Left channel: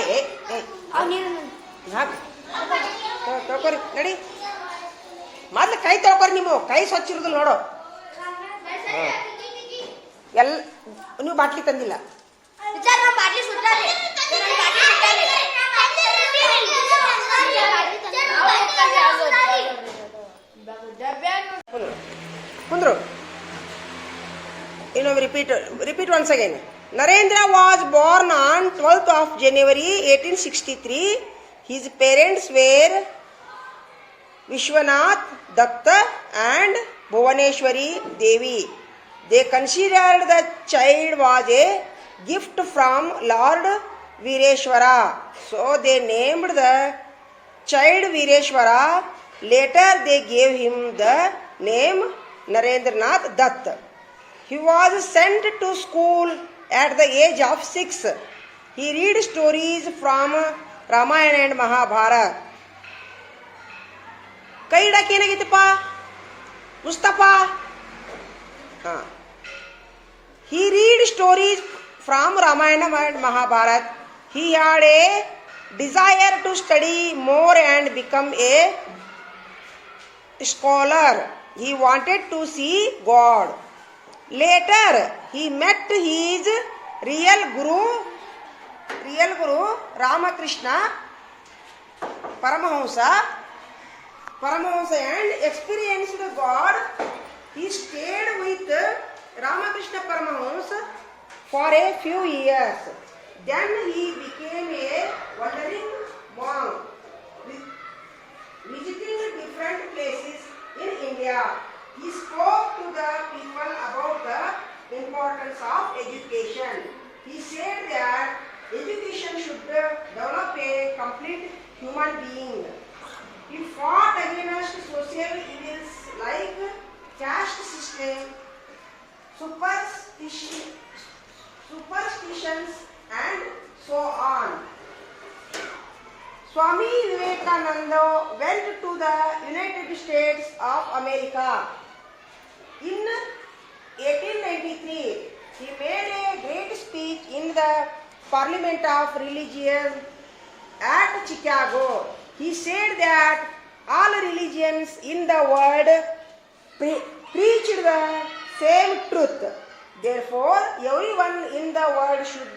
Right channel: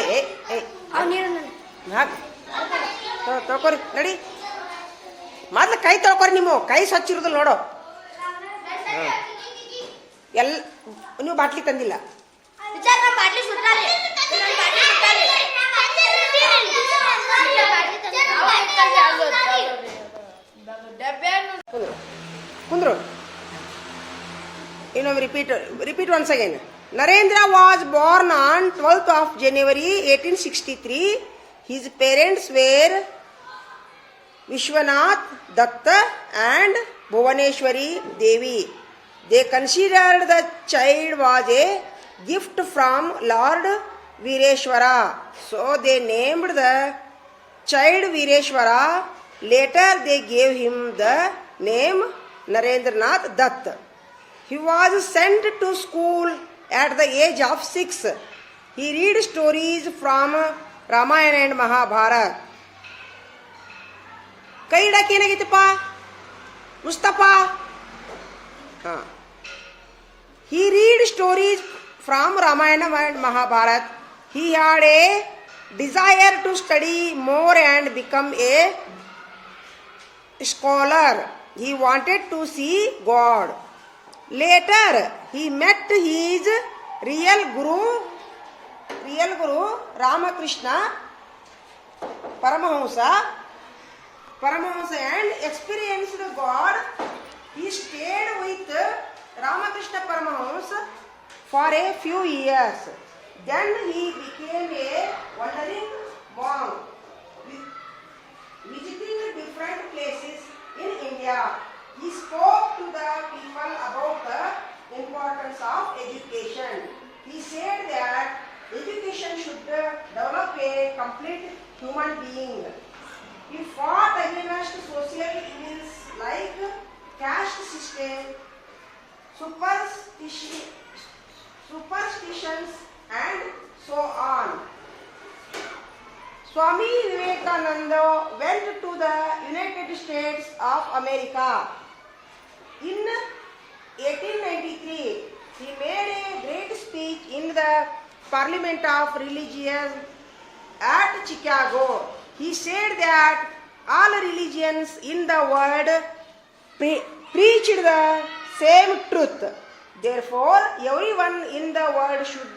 ಏ ಏ ಏ. ಹಾಕ್. ತೊ- ತೊಗೊರಿ ನಡಿ. ಮೊದ್ಲು ಕೈ ತೊಳ್ಕೊರಿ ನಿಮ್ಮ ಕೈ ಸ್ವಚ್ಛ ನೋಡೋ. ನೋಡು ಎಲ್ಲ ಎಲ್ ನೀವು ಬಾಟ್ಲಿ ತಂದಿಲ್ಲ. ಕುಂದ್ರು. ಇನ್ನೊಮ್ಮೆ repeat repeat once again Narendra was born on 12th of January 1863. His parents were Vishwanath Datta and Bhuvaneshwari Devi. They considered the child was a gift from Lord Vireshwara. So they named the child Vireshwara. Later they gave him the name Narendranath Dutt. He was sent to school at the age of six. He read stories from Ramayana and Mahabharata. ಕೈ ಇಡಕ್ಕೆ ಏನಾಗೈತಪ್ಪ ಮುಸ್ತಫಾ ಹಾ he read stories from Ramayana and Mahabharata. He had a desire to study more and become a scholar. He wanted to see God. He met his real guru, real guru Ramakrishna Paramahamsa, Paramahamsa and experienced God. He stayed with Ramakrishna Paramahamsa for a few years. Then he became a wandering monk, with- visiting different places in India. He spoke to the people about the importance of education. He said that education should develop a complete human being. He fought against social evils like caste system, superstition, superstitions, and so on. Swami Vivekananda went to the United States of America. In 1893, he made a great speech in the Parliament of Religion at Chicago. He said that all religions in the world pre- preached the same truth. Therefore, everyone in the world should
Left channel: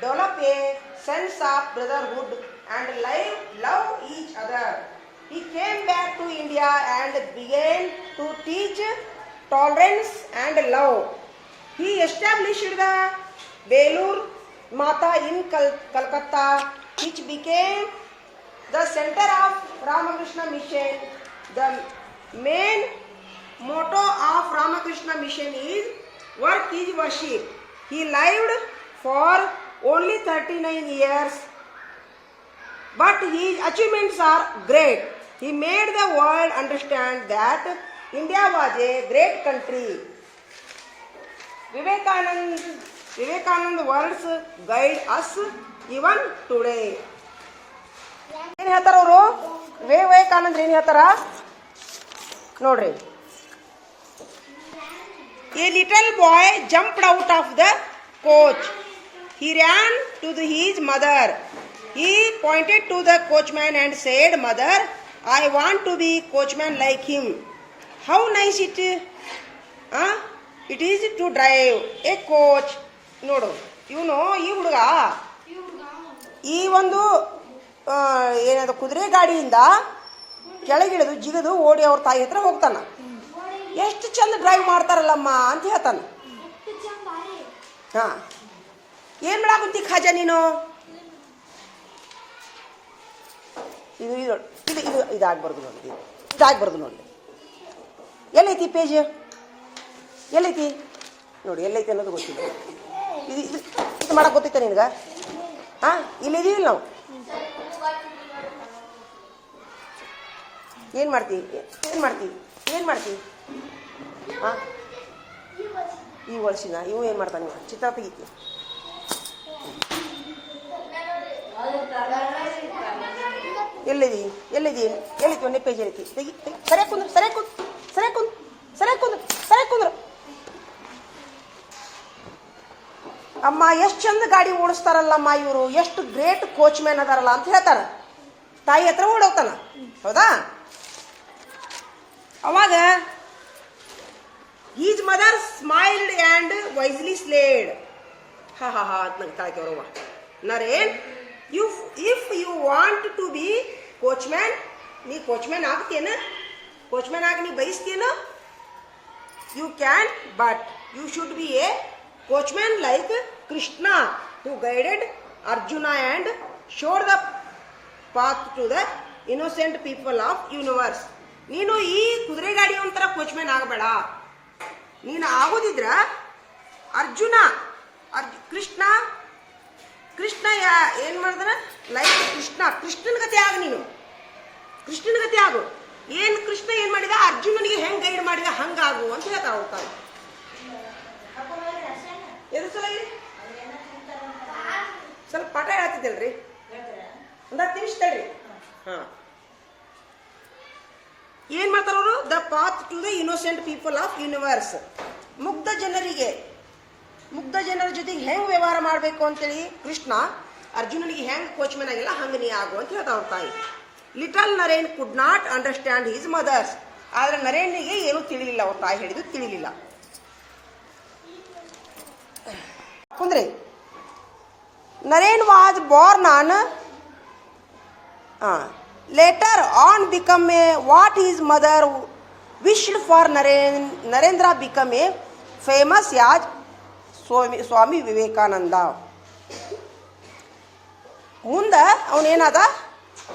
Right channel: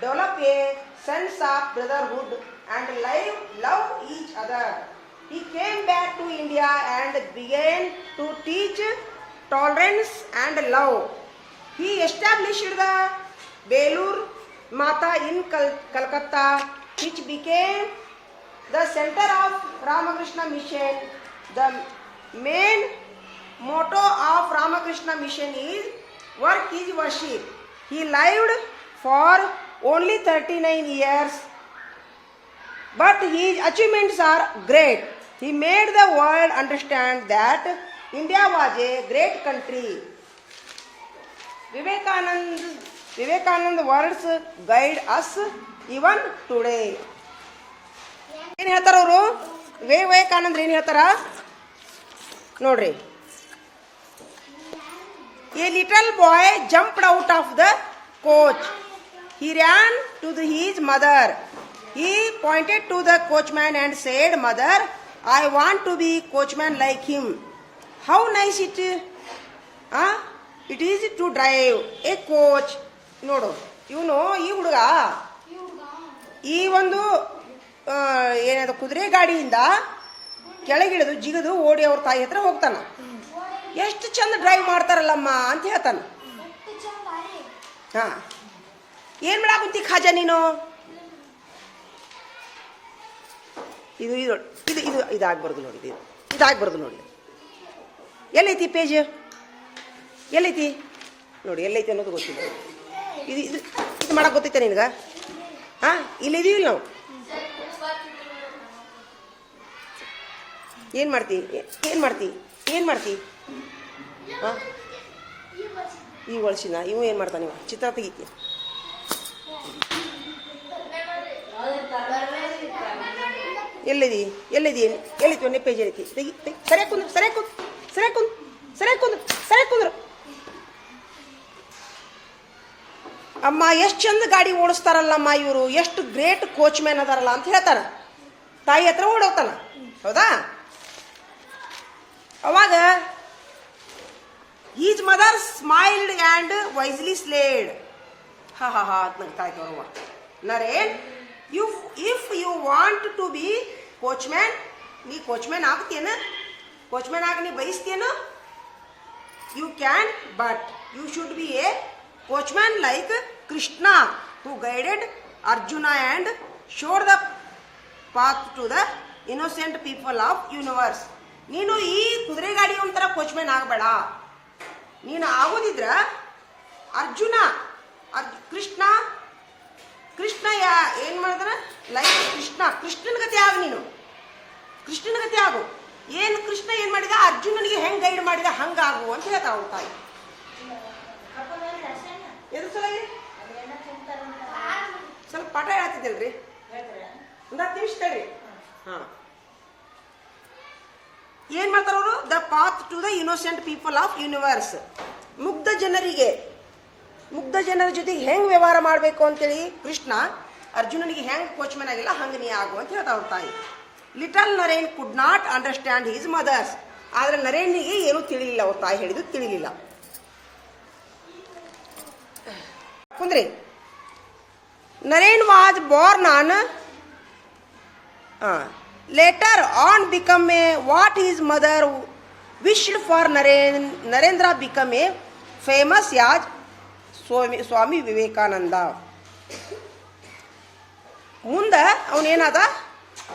develop a sense of brotherhood and live, love each other. He came back to India and began to teach tolerance and love. He established the Belur Mata in Kal- Calcutta, which became the center of Ramakrishna Mission. The main motto of Ramakrishna Mission is work is worship. He lived for only 39 years, but his achievements are great. He made the world understand that India was a great country. Vivekanand, Vivekanand words guide us even today. ಏನ್ ಹೇಳ್ತಾರ ಅವರು ವಿವೇಕಾನಂದ್ರ ಏನ್ ಹೇಳ್ತಾರ ನೋಡ್ರಿ a little boy jumped out of the coach he ran to the, his mother he pointed to the coachman and said mother i want to be coachman like him How nice it it it is to drive a ನೋಡು, ಇವನು ಈ ಹುಡುಗ, ಈ ಒಂದು ಏನದು ಕುದುರೆ ಗಾಡಿಯಿಂದ ಕೆಳಗಿಳಿದು ಜಿಗಿದು ಓಡಿ ಅವ್ರ ತಾಯಿ ಹತ್ರ ಹೋಗ್ತಾನ. ಎಷ್ಟು ಚಂದ ಡ್ರೈವ್ ಮಾಡ್ತಾರಲ್ಲಮ್ಮ ಅಂತ ಹೇಳ್ತಾನ. ಹಾ. ಏನ್ ಮಾಡಾಕುಂತಿ ಖಾಜಾ ನೀನು? ಇದು ಇದು ಇದು ಇದು, ಇದಾಗ್ಬಾರ್ದು ನೋಡಿ, ಇದು, ಇದಾಗ್ಬಾರ್ದು ನೋಡಿ. ಎಲ್ಲೈತಿ ಪೇಜ್ ಎಲ್ಲೈತಿ? ನೋಡಿ, ಎಲ್ಲೈತಿ ಅನ್ನೋದು ಗೊತ್ತಿಲ್ಲ. ಇದು ಇದು ಇದು ಮಾಡಕ್ ಗೊತ್ತೈತೆ ನಿನಗ? ಹಾ, ಇಲ್ಲಿ ಇದೀವಿಲ್ಲ ನಾವು. ಏನು ಮಾಡ್ತಿ? ಏನು ಮಾಡ್ತಿ? ಏನು ಮಾಡ್ತಿ? ಹಾಂ ಈ ವರ್ಷಿನ ಇವು ಏನು ಮಾಡ್ತಾನೆ ನೀವು ಚಿತ್ರ ತೆಗಿತಿ. ಎಲ್ಲಿದಿ? ಎಲ್ಲಿದಿ? ಎಲ್ಲಿತಿ ಒಂದೇ ಪೇಜ್ ಐತಿ. ತೆಗಿ ಸರಿಯಾಗಿ ಸರಿಯಾಗಿ ಸರಿಯಾಗಿ ಕುಂದ್ ಸರಿಯಾಗಿ ಅಮ್ಮ, ಎಷ್ಟು ಚಂದ ಗಾಡಿ ಓಡಿಸ್ತಾರಲ್ಲಮ್ಮ ಇವರು. ಎಷ್ಟು ಗ್ರೇಟ್ ಕೋಚ್ ಮ್ಯಾನ್ ಅದಾರಲ್ಲ ಅಂತ ಹೇಳ್ತಾರೆ. ತಾಯಿ ಹತ್ರ ಓಡೋಗ್ತಾನ. ಹೌದಾ? ಅವಾಗ is mother smiled and wisely said ಹಾ ಹಾ ಹಾ, ಅಂತ ನಗ್ತಾ ಇದ್ದವ್ರವ್ವ Naren if if you want to be coachman ನೀ ಕೋಚ್ ಮ್ಯಾನ್ ಆಗ್ತೇನ ಕೋಚ್ಮ್ಯಾನ್ ಆಗಿ ನೀ ಬಯಸ್ತೇನೋ you can but you should be a watchman like Krishna who guided Arjuna and show the path to the innocent people of universe ನೀನು ಈ ಕುದುರೆ ಗಾಡಿ ಒಂಥರ ಕೋಚ್ಮ್ಯಾನ್ ಆಗಬೇಡ. ನೀನು ಆಗೋದಿದ್ರ ಅರ್ಜುನ, ಅರ್ಜು, ಕೃಷ್ಣ ಕೃಷ್ಣ ಯಾ ಏನು ಮಾಡಿದ್ರ ಲೈಕ್ ಕೃಷ್ಣ. ಕೃಷ್ಣನ ಗತಿ ಆಗ ನೀನು. ಕೃಷ್ಣನ ಗತಿ ಆಗು. ಏನ್ ಕೃಷ್ಣ ಏನ್ ಮಾಡಿದ? ಅರ್ಜುನನಿಗೆ ಹೆಂಗ್ ಗೈಡ್ ಮಾಡಿದ? ಹಂಗಾಗು ಅಂತ ಹೇಳ್ತಾ ಹೋಗ್ತಾನೆ ಎದು ಸ್ವಲ್ಪ ಪಾಠ ಹೇಳ್ತಿದ್ದಲ್ರಿ ಒಂದ್ ನಿಮಿಷ ತಡ್ರಿ. ಹಾಂ. ಏನ್ ಮಾಡ್ತಾರೆ ಅವರು? The path to the innocent people of universe ಮುಗ್ಧ ಜನರಿಗೆ, ಮುಗ್ಧ ಜನರ ಜೊತೆಗೆ ಹೆಂಗ್ ವ್ಯವಹಾರ ಮಾಡಬೇಕು ಅಂತೇಳಿ ಕೃಷ್ಣ ಅರ್ಜುನನಿಗೆ ಹೆಂಗ್ ಕೋಚ್ಮನ್ ಆಗಿಲ್ಲ ಹಂಗ ನೀ ಆಗು ಅಂತ ಹೇಳ್ತಾ ತಾಯಿ. Little Naren could not understand his mother's ಆದ್ರೆ ನರೇನಿಗೆ ಏನೂ ತಿಳಿಲಿಲ್ಲ, ಅವ್ರ ತಾಯಿ ಹೇಳಿದ್ದು ತಿಳಿಲಿಲ್ಲ. ಕುಂದ್ರಿ. Naren was born on later on become a what is mother wished for Naren Narendra become a famous as Swami Swami Vivekananda ಮುಂದ ಅವನೇನಾದ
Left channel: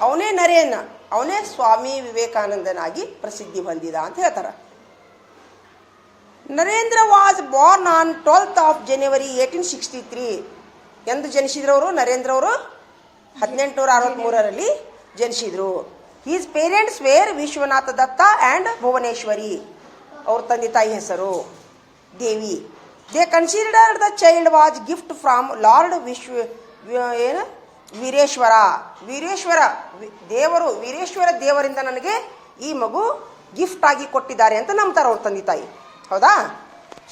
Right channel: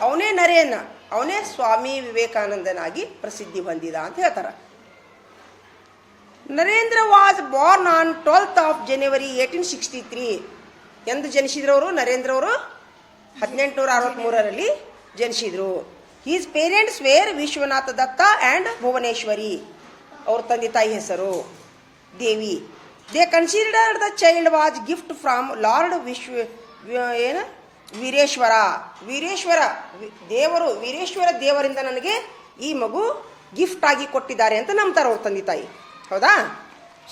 ಅವನೇ ನರೇನ, ಅವನೇ ಸ್ವಾಮಿ ವಿವೇಕಾನಂದನಾಗಿ ಪ್ರಸಿದ್ಧಿ ಹೊಂದಿದ ಅಂತ ಹೇಳ್ತಾರೆ. Narendra was born on twelfth of January eighteen sixty three ಎಂದು ಜನಿಸಿದ್ರವರು ನರೇಂದ್ರ ಅವರು ಹದಿನೆಂಟುನೂರ ಅರವತ್ತ್ಮೂರರಲ್ಲಿ ಜನಿಸಿದ್ರು. His parents were Vishwanatha Datta and Bhuvaneshwari. ಅವ್ರ ತಂದೆ ತಾಯಿ ಹೆಸರು Devi. They considered the child was gift from Lord Vishwa ಏನು? ವೀರೇಶ್ವರ ವೀರೇಶ್ವರ ದೇವರು ವೀರೇಶ್ವರ ದೇವರಿಂದ ನನಗೆ ಈ ಮಗು ಗಿಫ್ಟ್ ಆಗಿ ಕೊಟ್ಟಿದ್ದಾರೆ ಅಂತ ನಂಬ್ತಾರೆ ಅವ್ರ ತಂದೆ ತಾಯಿ. ಹೌದಾ?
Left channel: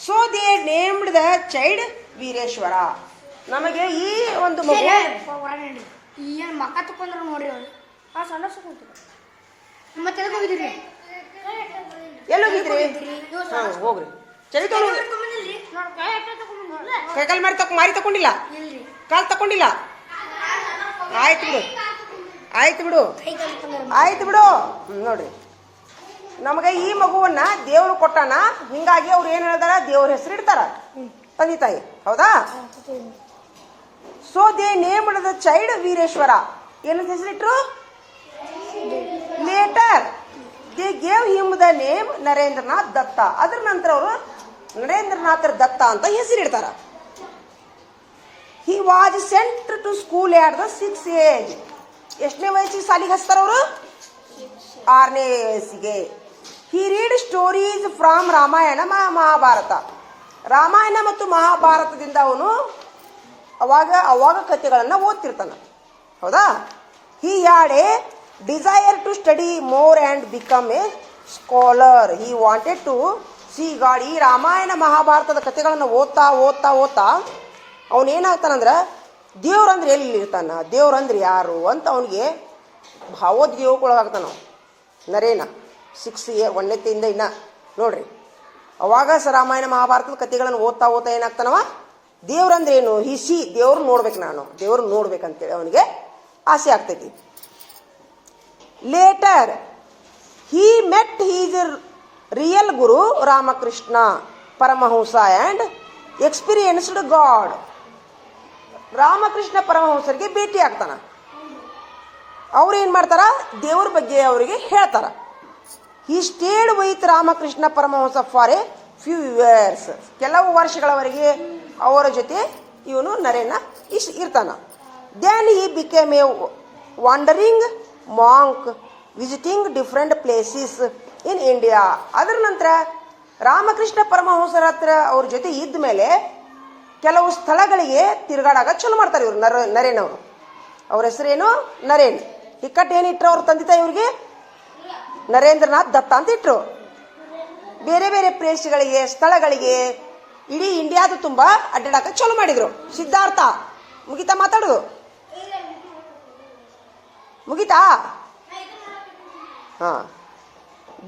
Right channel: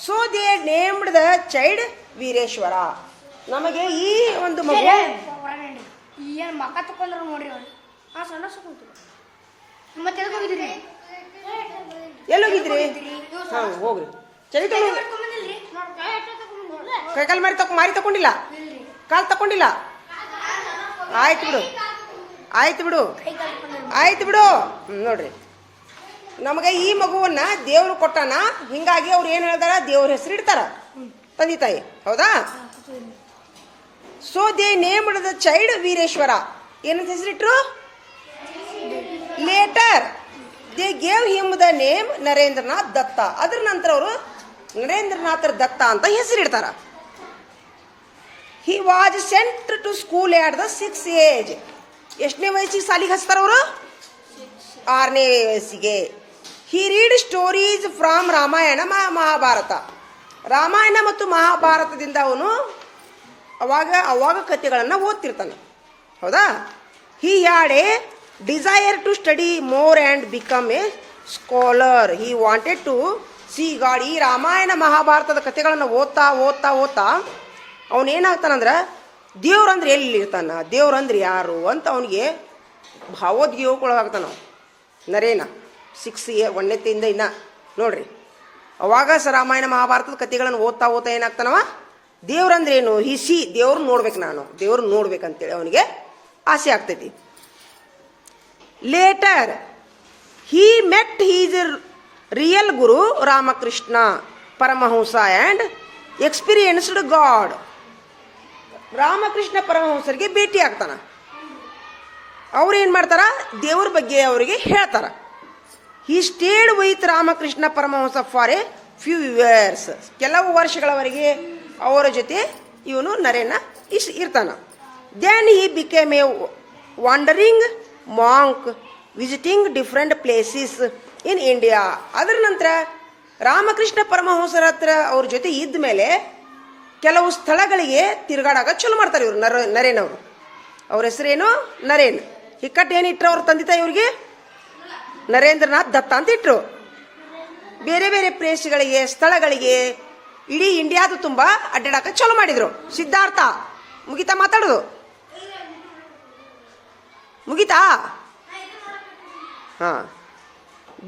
So they named the child Veereshwara. ನಮಗೆ ಈ ಒಂದು ಮಗು ಏನ್ ಮಕ್ಕ ತಕೊಂಡ್ರ ಮತ್ತೆ ಹೋಗಿದ್ರಿ? ಎಲ್ಲೋಗಿದ್ರಿ ಹಾ ಹೋಗ್ರಿ. ಚಳಿ ಮಾರಿ ತಕೊ ಮಾರಿ ತಕೊಂಡಿಲ್ಲ? ಕಾಲ್ ತಕೊಂಡಿಲ್ಲ? ಆಯ್ತು ಬಿಡು. ಆಯ್ತು ಬಿಡು. ಆಯ್ತು ಬಿಡು. ನೋಡ್ರಿ. ನಮಗೆ ಈ ಮಗುವನ್ನ ದೇವ್ರು ಕೊಟ್ಟಾನ, ಹಿಂಗಾಗಿ ಅವ್ರು ಏನ್ ಹೇಳ್ತಾರ ದೇವ್ರ ಹೆಸರು ಇಡ್ತಾರ. ತಂದೆ, ತಾಯಿ. ಹೌದಾ? So they name the child Veereshwara. ಏನಂತ ಹೆಸರಿಟ್ರು later. They gave him the name Narendranath Datta. ಅದ್ರ ನಂತರ ಅವರು ನರೇಂದ್ರನಾಥ್ ದತ್ತ ಅಂತ ಹೆಸರಿಡ್ತಾರ he was sent to school at the six age ಎಷ್ಟನೇ ವಯಸ್ಸಿಗೆ ಸಾಲಿಗೆ ಹಚ್ತಾರ ಅವರು? ಆರನೇ ವಯಸ್ಸಿಗೆ. He read stories from Ramayana Maha- Mahabharata. Ramayana ಮತ್ತು ಮಹಾಭಾರತದಿಂದ ಅವನು ಅವಾಗ ಅವಾಗ ಕಥೆಗಳನ್ನು ಓದ್ತಿರ್ತಾನೆ. ಹೌದಾ? He had a desire to study more and become a scholar he wanted to see God ಈ ರಾಮಾಯಣ, ಮಹಾಭಾರತದ ಕಥೆಗಳನ್ನು ಓದ್ತಾ ಓದ್ತಾ ಓದ್ತಾ ಅವನೇನಾಗ್ತಾನಂದ್ರೆ ದೇವ್ರಂದ್ರೆ ಎಲ್ಲಿ ಇರ್ತಾನ? ದೇವ್ರಂದ್ರೆ ಯಾರು ಅಂತ ಅವನಿಗೆ ಭಾವೋದ್ಯೋಗಕ್ಕೊಳಗಾಗ್ತಾನ ನರೇನ ಸಿಕ್ಸ್ ಇಯರ್ ಒಂದನೇತಿಂದ ಇನ್ನ, ನೋಡ್ರಿ. ಅವಾಗ ಸ ರಾಮಾಯಣ ಮಹಾಭಾರತದ ಕಥೆಗಳನ್ನು ಓದ್ತಾ ಓದ್ತಾ ಏನಾಗ್ತಾನವ? ದೇವ್ರಂದ್ರೇನು ಹಿಸಿ ದೇವ್ರನ್ನ ನೋಡ್ಬೇಕು ನಾನು. ದೇವ್ರ ನೋಡ್ಬೇಕಂತೇಳಿ ಅವನಿಗೆ ಆಸೆ ಆಗ್ತೈತಿ. Later he met his real guru Ramakrishna, Paramahamsa and experienced God Ramakrishna ಪರಮಹಂಸರಿಗೆ ಭೇಟಿ ಆಗ್ತಾನೆ. ಅವ್ರು ಏನು ಮಾಡ್ತಾರ? ದೇವ್ರ ಬಗ್ಗೆ ಅವರಿಗೆ ಹೇಳ್ತಾರ. He stayed with Ramakrishna Paramahamsa for a few years ಕೆಲವು ವರ್ಷಗಳವರೆಗೆ ಅವರ ಜೊತೆ ಇವನು ನರೇನ ಇಶ್ ಇರ್ತಾನ. Then he became a wandering monk visiting different places in India ಅದರ ನಂತರ ರಾಮಕೃಷ್ಣ ಪರಮಹಂಸರ ಹತ್ರ ಅವ್ರ ಜೊತೆ ಇದ್ದ ಮೇಲೆ ಕೆಲವು ಸ್ಥಳಗಳಿಗೆ ತಿರುಗಾಡಾಗ ಚಲೋ ಮಾಡ್ತಾರೆ ಇವರು, ನರ, ನರೇನ್ ಅವರು. ಅವ್ರ ಹೆಸರೇನು? ನರೇನ್. ಇಕ್ಕಟ್ಟು ಏನು ಇಟ್ರು ಅವ್ರ ತಂದೆ ತಾಯಿ ಇವ್ರಿಗೆ? ನರೇಂದ್ರನಾಥ್ ದತ್ತ ಅಂತ ಇಟ್ರು. ಬೇರೆ ಬೇರೆ ಪ್ಲೇಸ್ಗಳಿಗೆ, ಸ್ಥಳಗಳಿಗೆ ಇಡೀ ಇಂಡಿಯಾದು ತುಂಬ ಅಡ್ಡಾಡಕ ಚಲೋ ಮಾಡಿದ್ರು. ಸಿದ್ಧಾರ್ಥ, ಮುಗಿತಾ ಮಾತಾಡೋದು. ಮುಗಿತಾ? ಹಾಂ.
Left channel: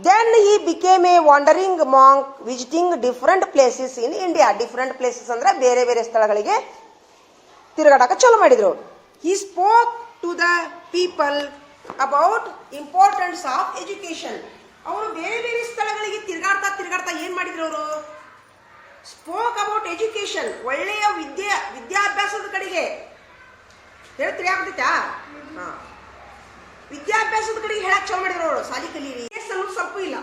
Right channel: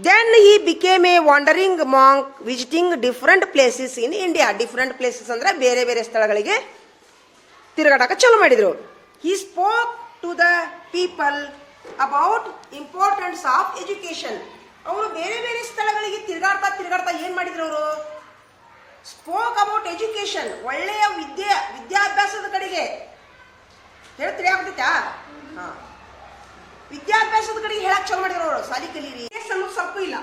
Then he became a wandering monk visiting different places in India different places ಅಂದರೆ ಬೇರೆ ಬೇರೆ ಸ್ಥಳಗಳಿಗೆ ತಿರುಗಾಡಕ ಚಲೋ ಮಾಡಿದ್ರು. He spoke to the people about importance of education ಅವರು ಬೇರೆ ಬೇರೆ ಸ್ಥಳಗಳಿಗೆ ತಿರುಗಾಡ್ತಾ ತಿರುಗಾಡ್ತಾ ಏನು ಮಾಡಿದ್ರು ಅವರು? ಸ್ಪೋಕ್ ಅಬೌಟ್ ಎಜುಕೇಶನ್ ಒಳ್ಳೆಯ ವಿದ್ಯೆ, ವಿದ್ಯಾಭ್ಯಾಸದ ಕಡೆಗೆ. ಹೇಳ್ತೀರಿ ಆಗ್ಬಿಟ್ಟಾ ವಿದ್ಯಾಭ್ಯಾಸದ ಕಡೆಗೆ ಹೇಳಕ್ ಚಾಲು ಮಾಡಿದ್ರು ಅವರು. ಸಾಲಿ ಕಲೀರಿ. ಎಸ್ ಅನ್ನೋದು ಸ್ವಲ್ಪ ಇಲ್ಲ.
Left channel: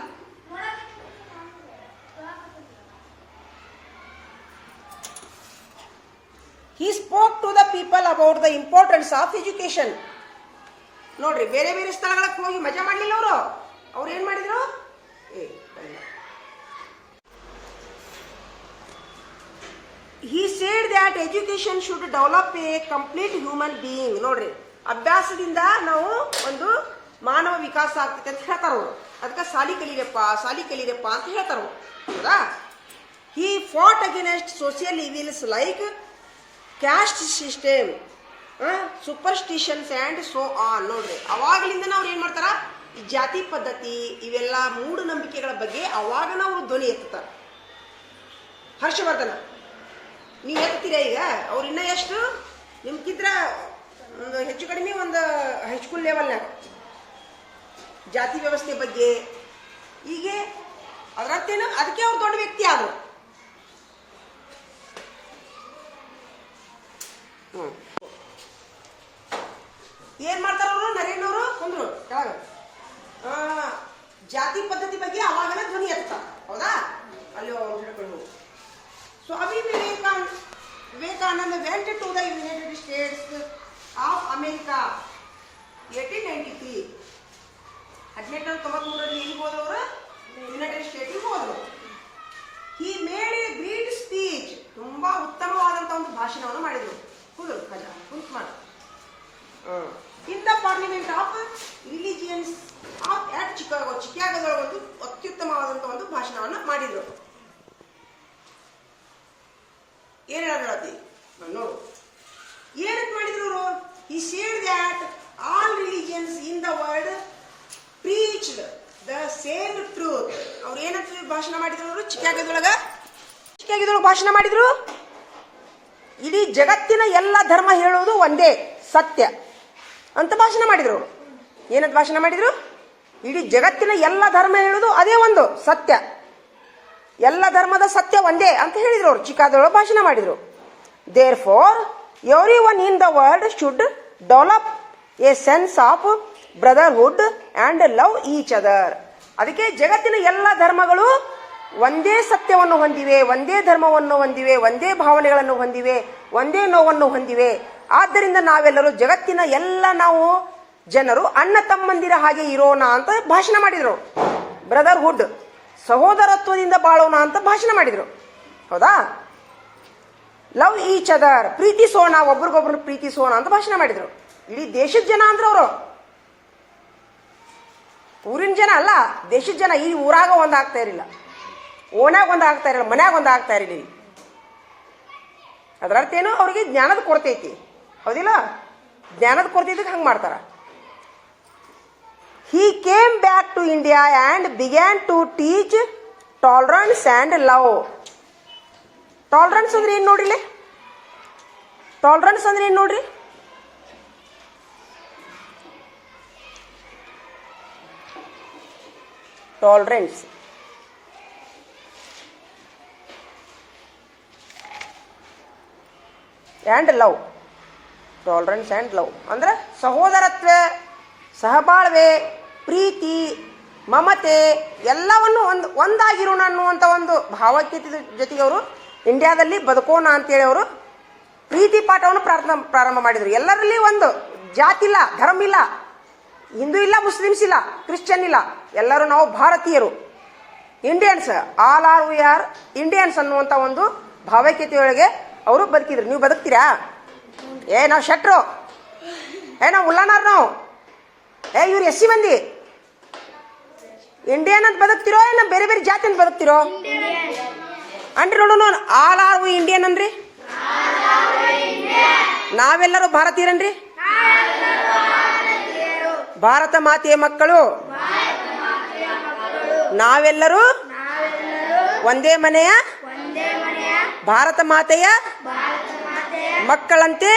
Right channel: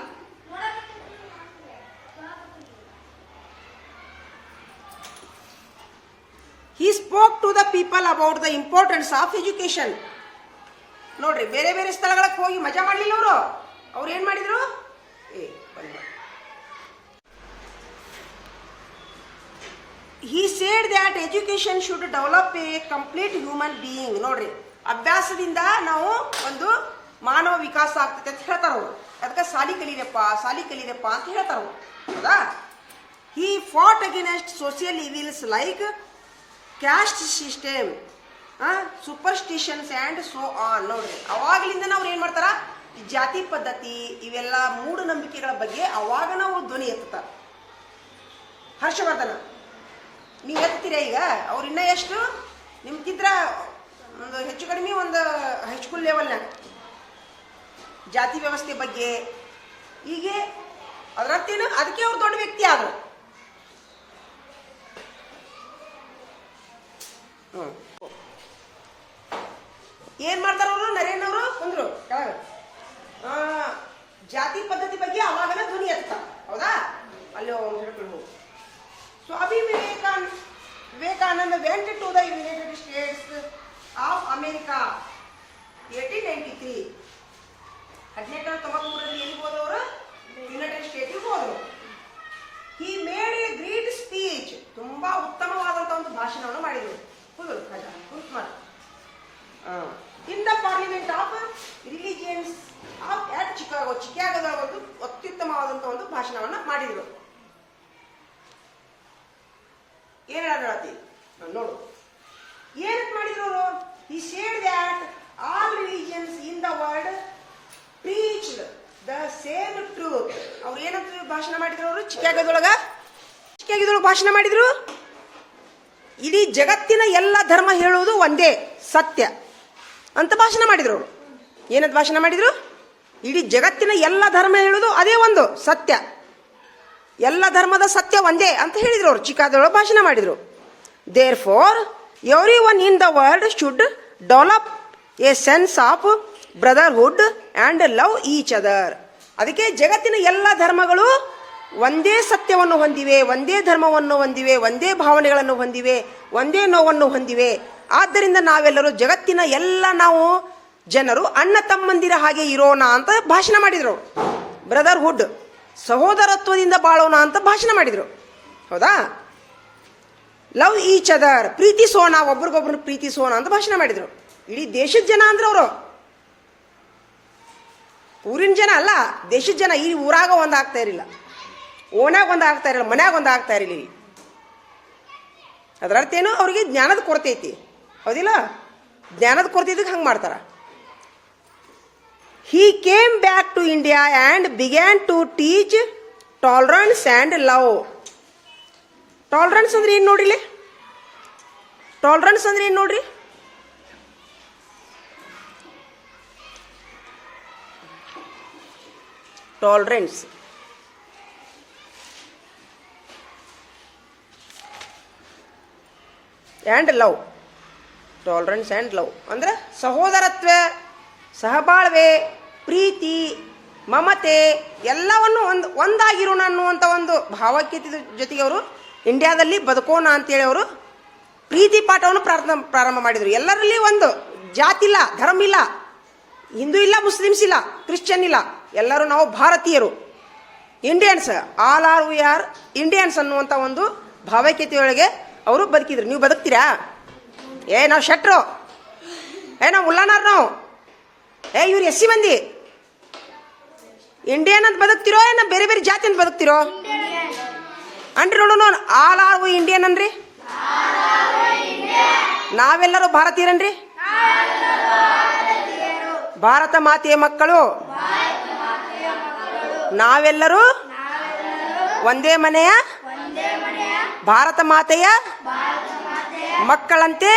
He spoke to the people about the importance of education ನೋಡ್ರಿ, ಬೇರೆ ಬೇರೆ ಸ್ಥಳಗಳಿಗೆ ಹೋಗಿ ಮಜಾ ಮಾಡಲಿಲ್ಲ ಅವರು. ಅವ್ರು ಏನ್ ಮಾಡಿದ್ರು? He said that education should develop a complete human being ನೋಡ್ರಿ, ಅಭ್ಯಾಸದಿಂದ ನಾವು ಒಂದು ಮಾನವ ವಿಕಾಸ ಆಗ್ತದೆ ಅಂತ ಹೇಳ್ತಾರ ಅವರು. ಅದಕ್ಕೆ ಸಾಲಿ ಕಲೀರಪ್ಪ ಸಾಲಿ ಕಲೀರಪ್ಪ ಅಂತ ಹೇಳ್ತಾರ. ಹೌದಾ? He fought against social evils like caste system superstitions and so on ನೋಡ್ರಿ ಅವಾಗಲಿಂದ ಅವ್ರು ಏನು ಮಾಡ್ತಾರ? ಈ ಜಾತಿ ಪದ್ಧತಿ ಇವೆಲ್ಲ ಮೂಢನಂಬಿಕೆಗಳ ಬಗ್ಗೆ ಅವಾಗ ನಾವು ಧ್ವನಿ ಎತ್ತಾರ ಹರ್ಷವರ್ಧನ, ನೀವು ಎತ್ತೀರ ಈಗ? ಅವ್ರು ಇನ್ನೂ ಎಷ್ಟು? ನಿಮ್ಗಿದ್ರ ಒಂದು ಹೆಚ್ಚು ಕಡಿಮೆ ಒಂದು ಹೈಸ್ಕೂಲ್ ಲೆವೆಲ್ನಾಗ ಜಾತಿ ವ್ಯವಸ್ಥೆ ಬಗ್ಗೆ. ಹೀಗೆ ಅದರತ್ತೇನು ಅದಕ್ಕೆ ಅವ್ರು ದೊಡ್ಡ ವ್ಯಕ್ತಿ ಆದರು. ಏನ್ ಮಾಡ್ತಾರ ಅವರು? ನರೇಂದ್ರ ಅವರು ಕುಂದ್ರು, ಕೆಳಗ. ಜಾತಿ ಪದ್ಧತಿ ಬಗ್ಗೆ ಅವಾಗನ ಧ್ವನಿ ಎತ್ತಾರ ಹೌದಾ? ಅಲ್ಲಿ ಹಿಡ್ಕೊಂಡು Swami Vivekananda Vivekananda went to the United States of America eighteen ninety three ಹದಿನೆಂಟು ತೊಂಬತ್ಮೂರರಲ್ಲಿ ಎಲ್ಲಿ ಹೋದವರು? ಯುನೈಟೆಡ್ ಸ್ಟೇಟಿಗೆ ಹೋದರು. He made a great speech ತುಂಬಾ ಉತ್ತಮವಾದಂತ ಒಂದು ಭಾಷಣವನ್ನು ಮಾಡಿದರು. ಹೌದು ಮಾಡು. In the Parliament of Religions of at Chicago ಚಿಕಾಗೋದ ಒಂದು ಅತ್ಯುತ್ತಮವಾದಂತ ಒಂದು ಭಾಷಣವನ್ನು ಮಾಡಿದರು. ಏನ್ ಹೇಳತಿ? ನೋಡು. ಏನಕ್ಕೆ ಮಾಡಿದ್ರು ಅವರು? He said that all religions in the world preached the same truth ಅವ್ರು ಏನಂತ ಭಾಷಣ ಮಾಡಿದ್ರು ಅವರು? ಚಿಕ್ಕಾಗಿದೊಳಗ ಚಿಕ್ಕಾಗಿದೊಳಗ ಭಾಷಣ ಮಾಡಿದ್ರು? ಇಡೀ ಜಗತ್ತಿನ ಎಲ್ಲ ಧರ್ಮ ಹೇಳುವುದು ಒಂದೇ, ಸತ್ಯ. ಅಂತ ಭಾಷಣ ಮಾಡಿದ್ರು ಅವರು. ಏನಂತ ಭಾಷಣ ಮಾಡಿದ್ರು? ಇಡೀ ಜಗತ್ತಿನ ಎಲ್ಲ ಧರ್ಮ ಹೇಳುವುದು ಅದೇ ಒಂದು, ಸತ್ಯ. ಎಲ್ಲ ಧರ್ಮದ ಸತ್ಯ ಒಂದೇ ಅಂತ ಹೇಳಿದ್ರು ಅವರು. ಚಿಕ್ಕಾದೊಳಗೆ ಭಾಷಣ ಮಾಡಿದ್ರು. Therefore every one in the world should develop a sense of brotherhood and love each other ಅದಕ್ಕೆ ಜಗತ್ತಿನ ಎಲ್ಲ ಧರ್ಮಗಳು ಒಂದೇ ಸತ್ಯವನ್ನು ಹೊಂದಿವೆ, ಒಂದೇ ಧರ್ಮವನ್ನು ಹೊಂದಿವೆ, ಒಂದೇ ಭಾವನೆಗಳನ್ನು ಹೊಂದಿವೆ, ಒಂದೇ ನೋವನ್ನು ಹೊಂದಿವೆ. ಆದ್ದರಿಂದ ನಾವೆಲ್ಲರೂ ಜಗತ್ತಿನ ಎಲ್ಲ ನಾವು ಜನರು ಅಣ್ಣ ತಮ್ಮಂದಿರ ಹಾಗೆ ಇರೋಣ ಅಂತ ಭಾಷಣ ಮಾಡಿದರು. ಬ್ರದರ್ಹುಡ್ ಸಹೋದರತ್ವದಿಂದ ಬಾಳೋಣ ಅಂತ ಭಾಷಣ ಮಾಡಿದರು. ಹೌದಾ? ಲವ್ ಈಚ್ ಅದರ್ ಪ್ರೀತಿಸೋಣ ಒಬ್ರಿಗೊಬ್ರು ಪ್ರೀತಿಸೋಣ ಅಂತ ಭಾಷಣ ಮಾಡಿದರು. ಇಡೀ ದೇಶದ ಜನ ಅಂದ್ರೆ ಅವರು ಊರಿನ ಜನ ಅಲ್ಲ, ದೇಶದ ಜನ ಈ ಊರಾಗ ಒಂದು ಆಗ್ತಾ ಇರಲಿಲ್ಲ. ಓಣ್ಯಾಗ ಒಂದು ಆಗ್ತಾ ಇರಲಿಲ್ಲ, ಮನ್ಯಾಗ ಒಂದು ಆಗ್ತಾ ಇರಲಿಲ್ಲ ಅದರ ಅರ್ಥ ಏನು, ಅವ್ರಿಗೆ ಜ್ಞಾನದ ಕೊರತೆ ಐತಿ. ಹೌದಿಲ್ಲ? ಜ್ಞಾನದ ಕೊರತೆ ಇದಕ್ಕೆ ಹಂಗೆ ಮಾಡ್ತಾರ. He came back to India and began to teach tolerance and love tolerance ಅಂದ್ರೆ ಏನು ನೋಡ್ರಿಲೆ ಟಾಲರೆನ್ಸ್ ಅಂದ್ರೆ ಏನು ನೋಡ್ರಿ? Tolerance and love tolerance and love ಅಂದ್ರೆ ಸಹೋದರತ್ವ, ಸಹಬಾಳ್ವೆ, ಪ್ರೀತಿ, ಮಮತೆ ಎಲ್ಲವನ್ನು ಒಂದು ಒಂದಾಗಿರೋಣ ಅನ್ನುವಂಥ ಒಂದು ಭಾವಕ್ಯತೆ ಜೊತೆಗೆ ಅವರು ಇಂಡಿಯಾದಲ್ಲಿ ಬದುಕೋಣ ಅಂತೇಳಿ ಅವರು ಪ್ರೀತಿ ಪಾಠವನ್ನು ಪ್ರಾರಂಭ ಪ್ರಾರಂಭ ಮಾಡಿದರು. ಎಲ್ಲರಲ್ಲಿ ಒಂದು ಜಾತಿ ಇಲ್ಲ ಧರ್ಮ ಇಲ್ಲ, ಹಿಂದೂ ಇಲ್ಲ, ಮುಸ್ಲಿಮ್ಸ್ ಇಲ್ಲ, ಕ್ರಿಶ್ಚಿಯನ್ ಇಲ್ಲ. ಎಲ್ಲರೂ ನಾವು ಭಾರತೀಯರು. Indians all are we are Indians ಅನ್ನುವಂಥ ಒಂದು ಭಾವೈಕ್ಯತೆಯೊಳಗೆ ಅವರು ಬದುಕಿದ್ರು. ನೀವು ಬದುಕ್ತೀರಾ? ಏ, ನಾವು ಶೆಟ್ರು. ಏ, ನಾವು ಉಲ್ಲಾನಾರ್ ನಾವು. ಏ, ಇವ್ರು ಎಸ್ ಸಿ ಮಂದಿ. ಇಂಡಿಯನ್ ಅಂತ ಬದುಕ್ತಿರೋ ಏನ ಬೇರೆ ಬೇರೆ ಜಾತಿ ಅಂತ ಬದುಕ್ತಿರೋ? ಅನ್ರಿ ನೋಡೋಣ ಆಲ್ ಆರ್ ವಿ ಇಂಡಿಯನ್ ಅನ್ರಿ ನಾವೆಲ್ಲರೂ ಭಾರತೀಯರನ್ರಿ? ಭಾರತ ಮಾತೆಯ ಮಕ್ಕಳು. ನಾವೆಲ್ಲರೂ ಒಂದೇ ಮನೆಯ ಭಾರತ ಮಾತೆಯ ಮಕ್ಕಳಂತೆ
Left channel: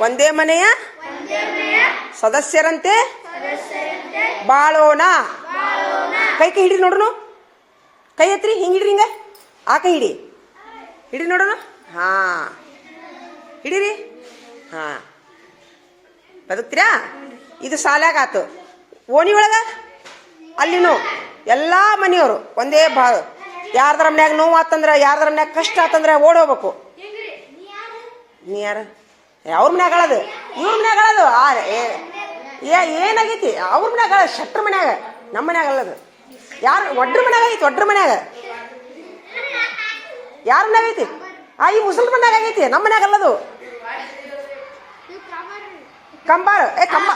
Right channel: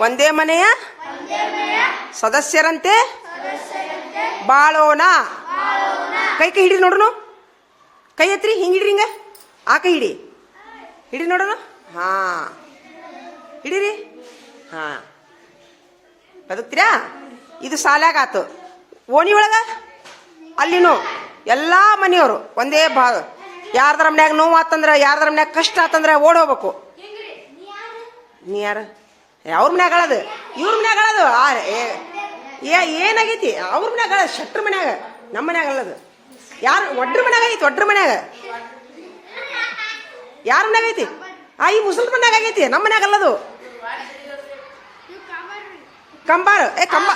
ಒಂದೇ ಮನೆಯ ಸದಸ್ಯರಂತೆ ಬಾಳೋಣ. ಕೈ ಕೈ ಹಿಡಿ ನೋಡೋಣ. ಕೈ ಎತ್ರಿ ಹಿಂಗೆ ಹಿಡ್ರಿ ಹಿಂಗೆ. ಆ ಕೈ ಹಿಡಿ. ಹಿಡಿ ನೋಡೋಣ. ಹಾ. ಹಿಡೀರಿ. ಹಾ. ಬದುಕ್ತೀರಾ? ಇದು ಸಾಲಾಗ ಆತು ಓಣಿ ಒಳಗ? ಅಲ್ಲಿನೂ ಎಲ್ಲ ಮನೆಯವರು ಒಂದೇ ಭಾಗ ಯಾರದ್ರ ಮನ್ಯಾಗ ನೋವು ಆತಂದ್ರೆ ಯಾರದ್ರ ಮನ್ಯಾಗ ಕಷ್ಟ ಆತಂದ್ರೆ ಓಡ್ ಹೋಗ್ಬೇಕು. ನೀ ಯಾರ? ಅವ್ರ ಮನ್ಯಾಗ ಹೇಳೋದು, ಇವ್ರ ಮನ್ಯಾಗ ಹೇಳೋದು. ಏ ಏನಾಗೈತಿ? ಅವ್ರ ಮನ್ಯಾಗ ಹೇಳದು ಶೆಟ್ರ ಮನ್ಯಾಗ, ನಮ್ಮ ಮನ್ಯಾಗ ಹೇಳೋದು. ಯಾರು, ಒಡ್ರ ಮನ್ಯಾಗ ಐತಿ ಒಡ್ರ ಮನ್ಯಾಗ? ಯಾರ ಮನ್ಯಾಗ ಐತಿ ಆ, ಈ ಮುಸಲ್ ಮನ್ಯಾಗ ಆಗೈತಿ, ನಮ್ಮ ಮನ್ಯಾಗ ಅಲ್ಲದು ಕಂಬಾರ. ಏ ಕಂಬ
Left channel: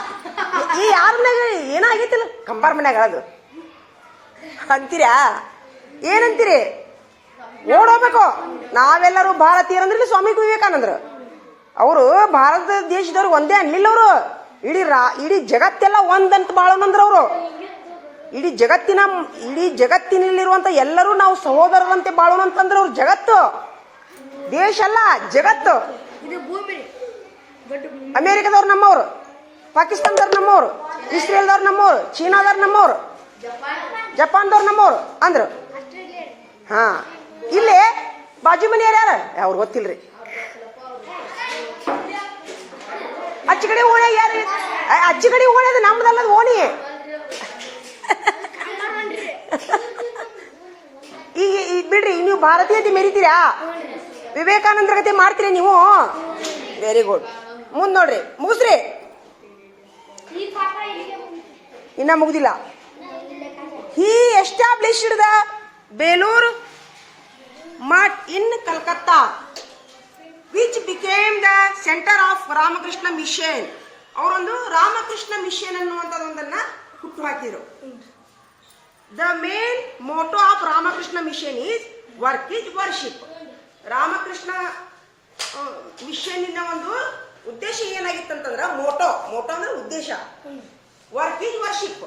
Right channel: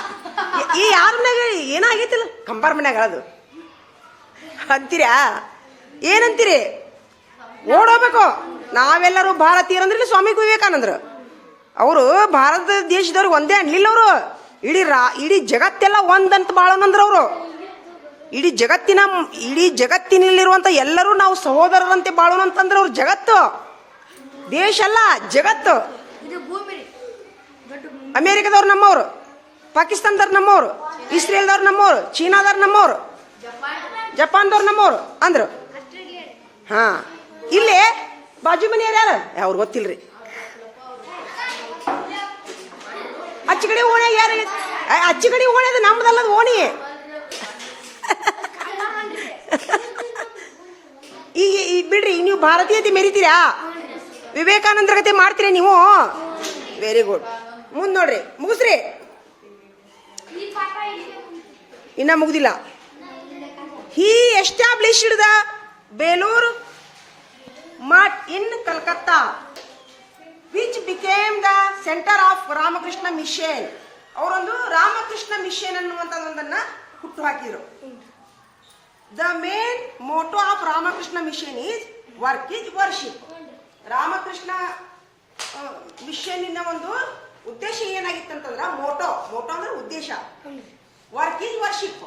ಈ ಯಾರ ಮನ್ಯಾಗ ಏನಾಗೈತಿಲ್ಲ ಕಂಬಾರ ಮನ್ಯಾಗ ಅಳದು ಅಂತೀರಾ? ಏನಂತೀರಿ? ಓಡೋಗ್ಬೇಕು ನಾವೆಲ್ಲರೂ ಭಾರತೀಯರಂದ್ರೆ ಅಂದ್ರೆ ಸ್ವಾಮಿ ವಿವೇಕಾನಂದರು. ಅವರು ಭಾರತ ದೇಶದವ್ರಿಗೆ ಒಂದೇ ಅನ್ಲಿಲ್ಲ ಅವರು. ಇಡೀ ರಾ ಇಡೀ ಜಗತ್ತೆಲ್ಲ ಒಂದಂತ ಬಾಳನಂದ್ರ ಅವರು. ಇಡೀ ಜಗತ್ತಿನ ಇಡೀ ಜಗತ್ತಿನಲ್ಲಿರುವಂಥ ಎಲ್ಲರೂ ನಾವು ಸಹೋದರರಂತೆ ಬಾಳೋಣ ಅಂತಂದ್ರೆ ಅವ್ರು ಜಗತ್ತು. ದೇಶ ಅಲ್ಲ ಜಗತ್ತು. ಅಮೇರಿಕದವ್ರು ನಮ್ಮವರು. ಪಾಕಿಸ್ತಾನದವ್ರು ನಮ್ಮವರು. ಇಸ್ರೇಲ್ದವ್ರು ನಮ್ಮವರು. ಚೀನಾದವ್ರು ನಮ್ಮವರು. ಜಪಾನ್ದವ್ರು ನಮ್ಮವರು, ಅಂದ್ರು. ಹಾ. ಇಲ್ಲೇ ಬಾಜು ಮನೆಯವ್ರು ಯಾರು? ಅವ್ರು ಗೊತ್ತಿಲ್ರಿ. ಅಚ್ಚ ಕಡೆ ಓಣಿ ಯಾರು? ಅಚ್ಚಗಡಿ ಓಣೆ ಅದು ನಮ್ದಲ್ಲದ ಓಣಿ ಈಗ ಈಗ ಬಿಡ್ರಿ, ನೀವು ಭಾರತೀಯತೆ ಮೆರಿತೀರಾ? ವಿವೇಕಾನಂದರ ಗತಿ ಮಾಡ್ತೀರಿ ನೀವು? ವೆರಿ ಗುಡ್ ಮುಂದ್ ನೋಡ್ರಿ, ಮುಗಿಸ್ರಿ. ಇನ್ನ ಮುಗ್ದಿಲ್ಲ. He established the Belur Math in Calcutta which became the centre of Ramakrishna Mission ಅವರೊಂದು ರಾಮಕೃಷ್ಣ ಮಿಷನ್ ಅನ್ನುವಂಥದ್ದೊಂದನ್ನ ಹುಟ್ಟು ಹಾಕಿದ್ರು. The main motto of Ramakrishna Mission is work is worship Ramakrishna ಮಿಷನ್ನಿನ ಒಂದು ಉದ್ದೇಶ ಏನಾಗಿತ್ತಂತಂದ್ರ ಮೋಟೋ ಮೋಟೋ ಅಂದ್ರೆ ಉದ್ದೇಶ. ವರ್ಕ್ ಈಸ್ ವರ್ಷಿಪ್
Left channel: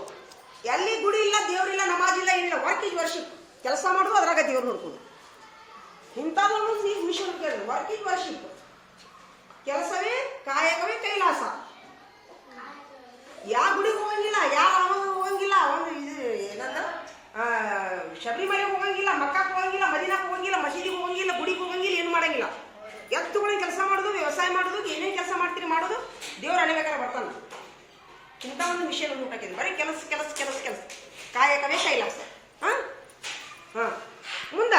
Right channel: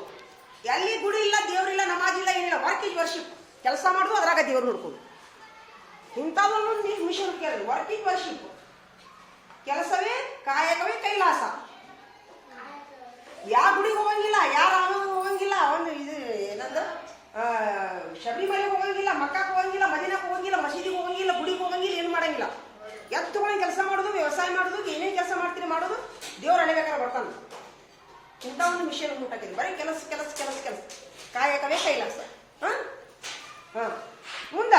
ಎಲ್ಲಿ ಗುಡಿ ಇಲ್ಲ ದೇವ್ರಿಲ್ಲ ಇಲ್ಲ ಏನಿಲ್ಲ ವರ್ಕ್ ಇಸ್ ವರ್ಷಿಪ್ ಕೆಲಸ ಮಾಡುದು ಅದ್ರಾಗ ದೇವ್ರು ನೋಡ್ಕೊಂಡು. ಇಂಥದ್ದು ನೀವು ಮಿಷನ್ ಕೇಳಿ ವರ್ಕ್ ಇಸ್ ವರ್ಷಿಪ್ ಕೆಲಸವೇ ಕಾಯಕವೇ ಕೈಲಾಸ. ಯಾವ ಗುಡಿಗೆ ಹೋಗಂಗಿಲ್ಲ ಯಾರ ಹೋಗಂಗಿಲ್ಲ ಒಂದು ಇದು ಏನಂದ್ರೆ ಆ, ಶಬರಿಮಲೆಗೆ ಹೋಗಂಗಿಲ್ಲ ಮಕ್ಕಕ್ಕೆ ಹೋಗಂಗಿಲ್ಲ ಮದಿನಕ್ಕೆ ಹೋಗಂಗಿಲ್ಲ ಮಸೀದಿಗೆ ಹೋಗಂಗಿಲ್ಲ ಗುಡಿಗೆ ಹೋಗಂಗಿಲ್ಲ ಏನು ಮಾಡಂಗಿಲ್ಲ. ಎತ್ತುಗಳನ್ನ ಕೆಲಸ ಮಾಡೋದು ವ್ಯವಸಾಯ ಮಾಡೋದು ಏನೇನು ಕೆಲಸ ಮಾಡ್ತೀರಿ ಮಾಡೋದು ದೇವ್ರು ಅಣಿಬೇಕಾದ್ರೆ ಬರ್ತಾನೆ. ಇಂಥ ಒಂದು ವಿಷಯ ಊಟಕ್ಕಿದೆ ಬರೀ ಕೆಲಸ ಕೆಲಸ ಕೆಲಸ ಕೆಲಸ. ಕಾಯಕವೇ ಕೈಲಾಸ ಹಾ? ಹಾ. ಮುಂದ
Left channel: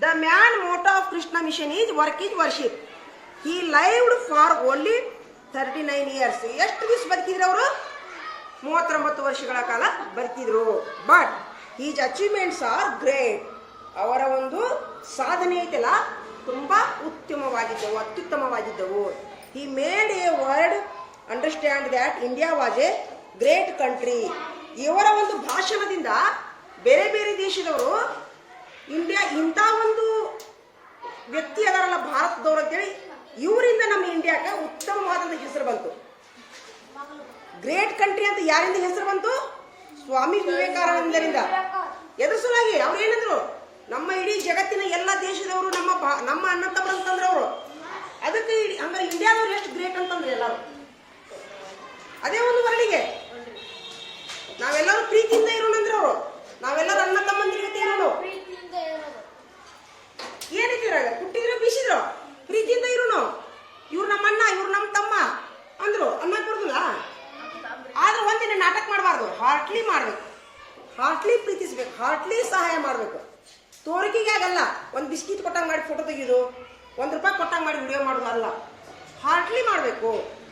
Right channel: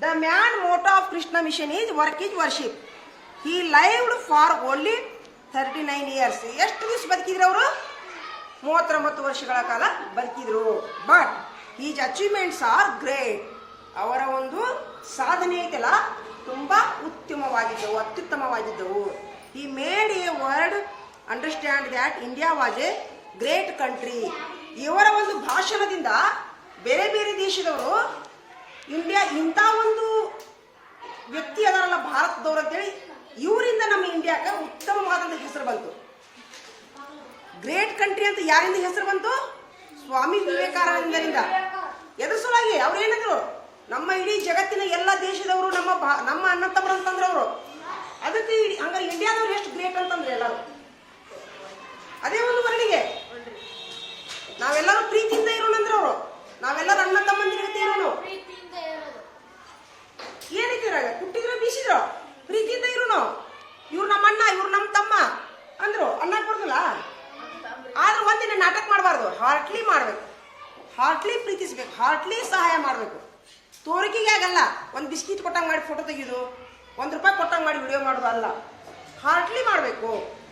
the main motto of Krishna Mission is work is worship he lived for only thirty nine years ಎಷ್ಟು ದಿವಸ ಬದುಕಿದ್ರು ಅವರು? ಮೂವತ್ತೊಂಬತ್ತು ವರ್ಷಗಳ ಕಾಲ ಬದುಕಿದ್ರು. But his achievements are great ಅವರ ಒಂದು ಸಾಧನೆ ಕೆಲ ತುಂಬಾ ಉತ್ತಮವಾಗಿದ್ದವು, ಅತ್ಯುತ್ತಮವಾಗಿದ್ದವು. He made a world understand that India was a great country ಇವರ ಒಂದು ಭಾಷಣದಿಂದ ಬೇರೆ ಬೇರೆ ದೇಶದವರು ಇಂಡಿಯಾ ಇಂಥ ಒಂದು ವ್ಯಕ್ತಿ ಅದರಲ್ಲ, ಭಾರತದವ್ರು ಅಂತೇಳಿ, ಇವರಿಂದ ನಮ್ಮ ಇಂಡಿಯಾಕ್ಕೆ ಉತ್ತಮವಾದಂಥ ಹೆಸರು ಬಂತು. ಗ್ರೇಟ್ ಕಂಟ್ರಿ ಅಂತ ಯಾರಿಂದ ಹೆಸರು ಬಂತು? ಸ್ವಾಮಿ ವಿವೇಕಾನಂದರಿಂದ. ಎದ್ರ ಸಲುವಾಗಿ ಅವ್ರು ಏನಂದ್ರು, ನಮ್ಮ ಇಡೀ ಜಗತ್ತಿನ ಎಲ್ಲ ದೇಶದವರು ನಮ್ಮ ನಮ್ಮ ಅಣ್ಣ ಅಂತಂದ್ರೆ ಅವರು ಅದಕ್ಕೆ ಹಂಗಾರೆ ಇಂಡಿಯಾದವ್ರು ಎಷ್ಟು ಗ್ರೇಟ್ ಅಂತಂದ್ರೆ ಎಲ್ಲರೂ. ಅದೇ ಒಂದು ವರ್ಣಿಗೆ ನಾವೆಲ್ಲರೂ ಪ್ರೀತಿಯಿಂದ ಇರೋಣ ಅಂದ್ರೆ ಅವರು. ನಾವೆಲ್ಲರೂ ಅಣ್ಣ ತಮ್ಮಂದಿರು ಜೊತೆ ಇರೋಣ ಏನಿದ್ದೀರ ಹುಟ್ಟಿದ್ರ ಬೀಸಿದ್ರು. ಪ್ರೀತಿಯಿಂದ ಇರೋಣ. ಇವ್ರು ನಮ್ಮ ಅಣ್ಣ ಇವ್ರು ನಮ್ಮ ತಮ್ಮ ಅಂದ್ರು. ಅಣ್ಣ ಬರ್ದಿಲ್ಲ ಆದ್ರೆ ಒಂದಿನ ನಾಟಕ ಮಾಡಬಾರ್ದು. ಹಾರ್ಟ್ಲಿ ಮಾಡ್ಬೇಕು. ಹಾರ್ಟ್ಲಿ ಪ್ರೀತಿಸ್ಬೇಕು. ಹಾರ್ಟ್ಲಿ ಸಹಾಯ ಮಾಡಬೇಕು. ತೋರಿಕೆಗೆ ಆಗಲ್ಲ. ಒಂದು ಬಿಸ್ಕಿಟ್ ಕೊಟ್ಟಂಗೆ ಮಾಡಿ ಫೋಟೋ ತೆಗೆಯೋದು. ಒಂದು ರೂಪಾಯಿ ಕೊಟ್ಟಂಗೆ ಮಾಡಿ ವಿಡಿಯೋ ಮಾಡೋದು ಅಲ್ಲ. ಹಾರ್ಟ್ಲಿ ಮಾಡಬೇಕು.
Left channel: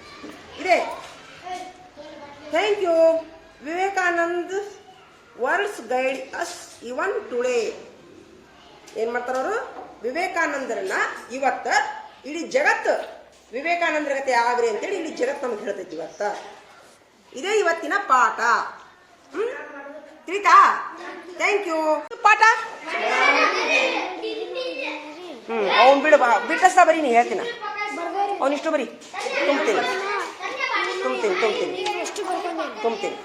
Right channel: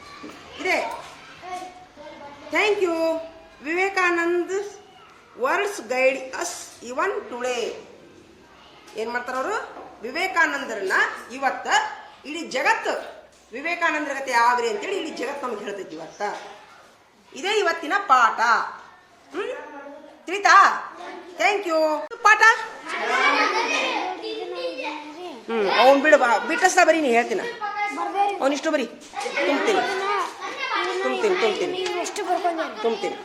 ಇದೆ. Thank you Vivekanand world's guide us even today ಏನ್ ಮಾಡ್ತಾರ ಅವರು? ವಿವೇಕಾನಂದರನ್ನ ಇವತ್ತ ಇಡೀ ಜಗತ್ತು ವಿವೇಕಾನಂದರ ಕತೆ ಆಗ್ರಿ ಅಂತೇಳಿ ಇಡೀ ಜಗತ್ತು ನಮ್ಗೆ ಹೇಳ್ತೈತಿ ಇವತ್ತ. ಇದೇ ಇವತ್ತಿನ ಪಾಠ. ಹ್ಮ್? ತಿಳಿತಾ ಥ್ಯಾಂಕ್ ಯು ಪಾಠ? ಹ್ಮ್, ಅವನ್ ಬಿಡ ಬಿಟ್ಟಸ್ತಾ ಬರೀ ನೀ ಹೇಳ್ತೀನಿ. ಅವನಿಷ್ಟು ಬರೀ. ತುಂಬ್ತೀನಿ. ತುಂಬ್ತೀನಿ ತುಂಬ್ತೀನಿ. ತುಂಬ್ತೀನಿ.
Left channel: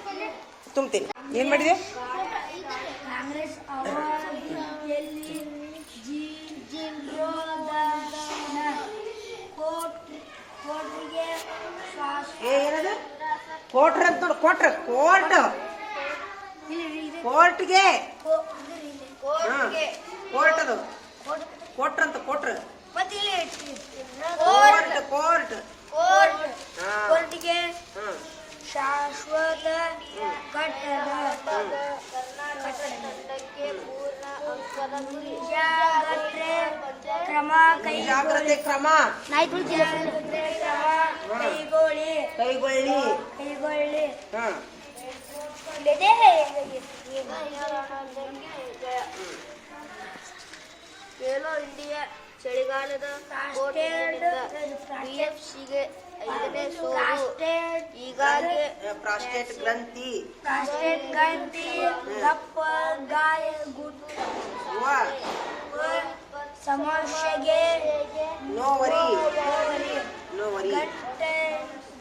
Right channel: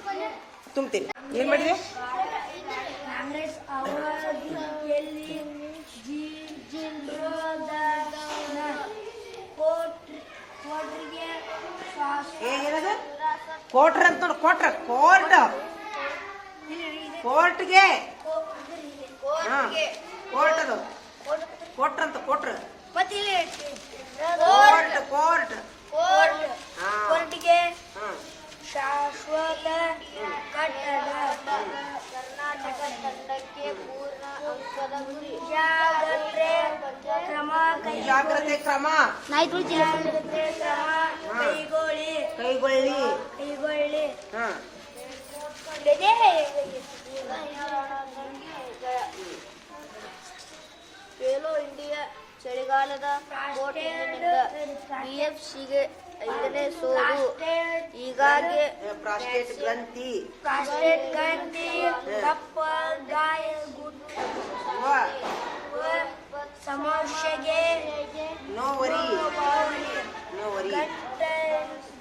ತುಂಬ್ತೀನಿ. ಏನು ಮಾಡಿದೆ? ಏನದು? ಕೋಟ್ರ ಅಂತ ನೋಡು. ಕೊಟ್ರ ಕೋರ್ಟ್ ಕೋರ್ಟ್ಗೆ ಹಾ ಕೋರ್ಟ್ ಅದು ಕೊಟ್ರ ಅಂತ, ಕೊಟ್ರ. ಕೋರ್ಟ್ ಕೋರ್ಟ್ ಹಾ ಕೋರ್ಟ್ಗೆ ಹಾ. ಶಾಶ್ವತ ಕಟ್ಟಡ ಕರ್ನಾಟಕ ತಂಡಕ್ಕೆ ಪೂರ್ಣ ಅಂಕದ ಗುರಿ. ಜಾಗ್ರತೆ ಕ್ರಮ ಕೈ ಜಾಗ್ರತೆ ಕ್ರಮ. ಜಾಗ್ರತೆ ಕ್ರಮ ಕೈಗೊಳ್ಳಿ. ಕೈಗೊಳ್ಳಿ. ಕೈಗೊಳ್ಳಿ. ಖೇಲೋ ಇಂಡಿಯಾ ಚಳಿಗಾಲದ ಕೋಟೆಯಿಂದ ಡಿಎಫ್ಸಿಗೆ ಐದನೇ ಸೋಲು ಹೀಗಾಗಿ ಪ್ರಾಸ್ಟೇಟ್ ಗ್ರಂಥಿ. ಪ್ರಾಸ್ಟೇಟ್ ಗ್ರಂಥಿ ದಪ್ಪ ಗಾಯ ಗುಟ್ಟು. ಸಮಸ್ಯೆಗೆ ನೋವರಿ. ನೋವರಿ.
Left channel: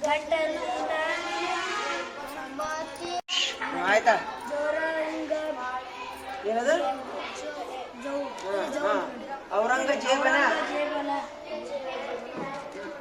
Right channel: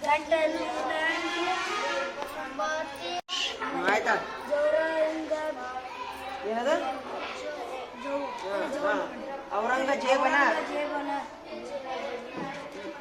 ಗಂಟಲಿನ ಆಯ್ತಾ? ಏನದು. ಔರಂಗಜೇಬನ